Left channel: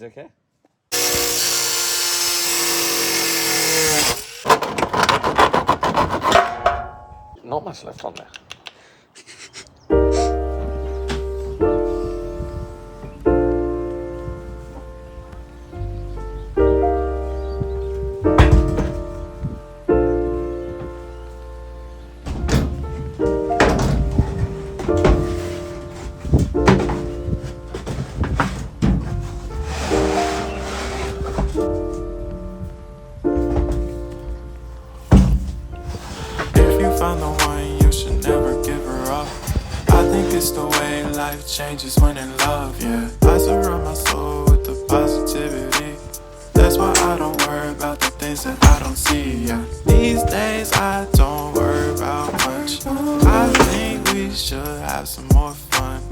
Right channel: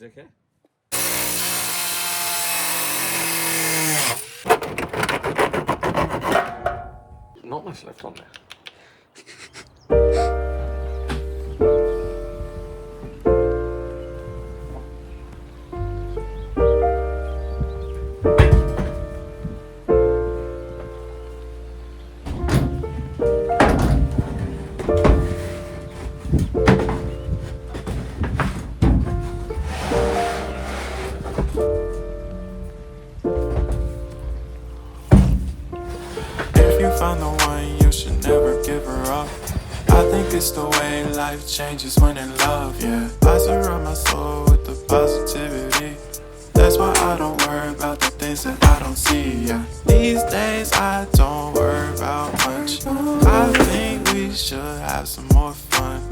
Is it okay? Not much left on there. If you find the one, you should never give her up. I think it's the way life changes when in love, yeah. I surround my soul with the positivity. That's why I don't worry about the things that I don't see, yeah. These days I don't worry about much. I think we should have some more fun.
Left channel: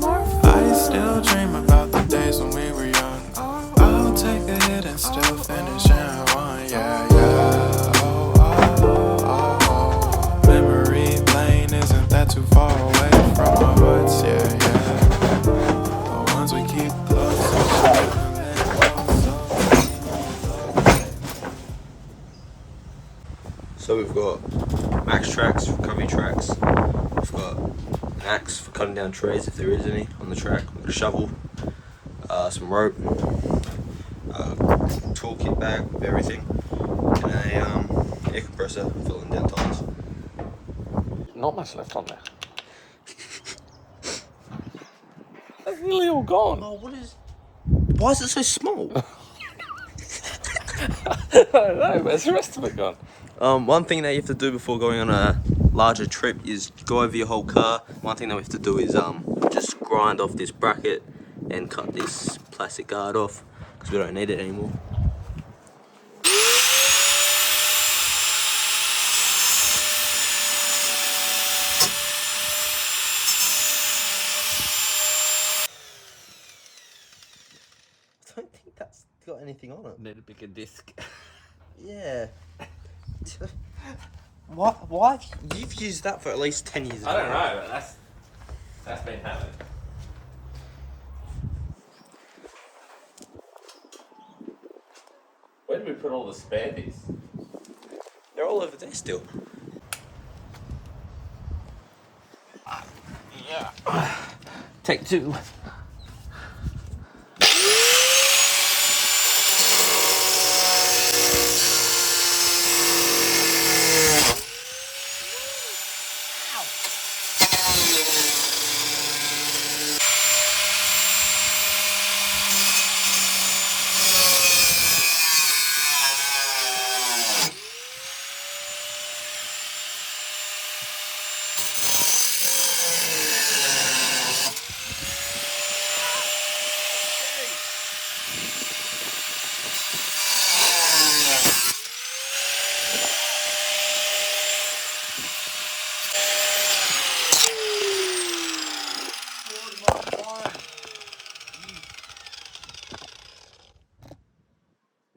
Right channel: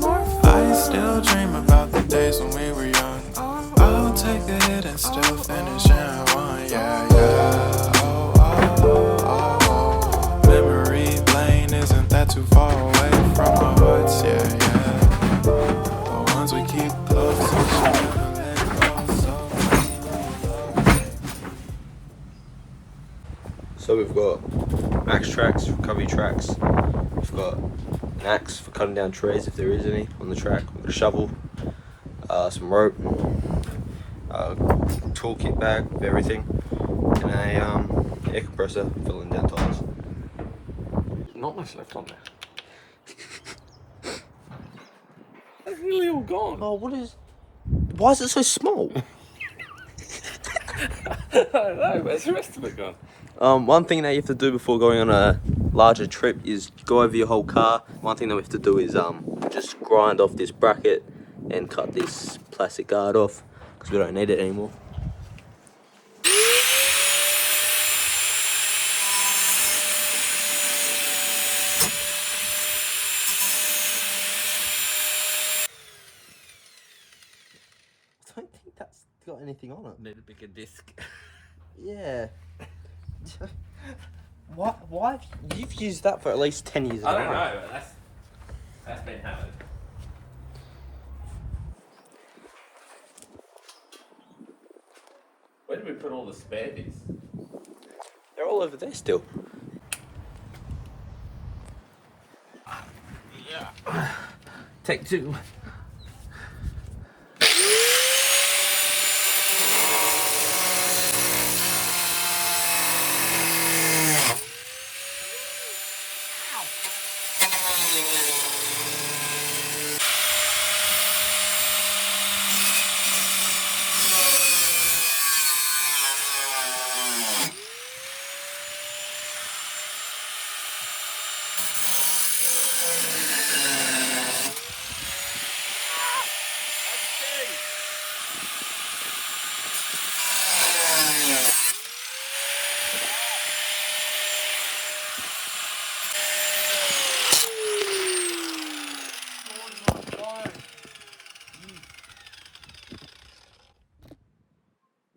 I still dream about the days when we were young. I'll take a hit and still finish in one, yeah, yeah. Oh, oh, oh, oh. Memory lane isn't that too far away from our hearts, yeah, yeah. The ones we keep close, we should never let go, so So we've got max tracks, recovery tracks. We've got an axe for cutting down trees if there is any on the track. We've got a shovel, some rope, toolkit bag with everything, and a air compressor filling down tires. Not much left on there. That's nearly all gone. Oh, why is it so small? I don't know, where's the rest of it gone? One thing that you have to do before going on a larger trip is go over your whole car. One thing that we have to do is just grind off this bracket and cut this plastic guard off because we don't need it anymore. I don't think that's got anything on it. Need a bigger disc. Yeah. Why? You've used that for at least 10 years. I don't know, but that's been happening. Where did we put all the spare discs? They're all over there still. Yeah. Take two.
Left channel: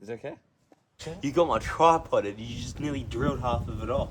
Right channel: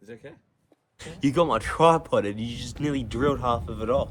Is it okay? You got my tripod and you just nearly drilled half of it off.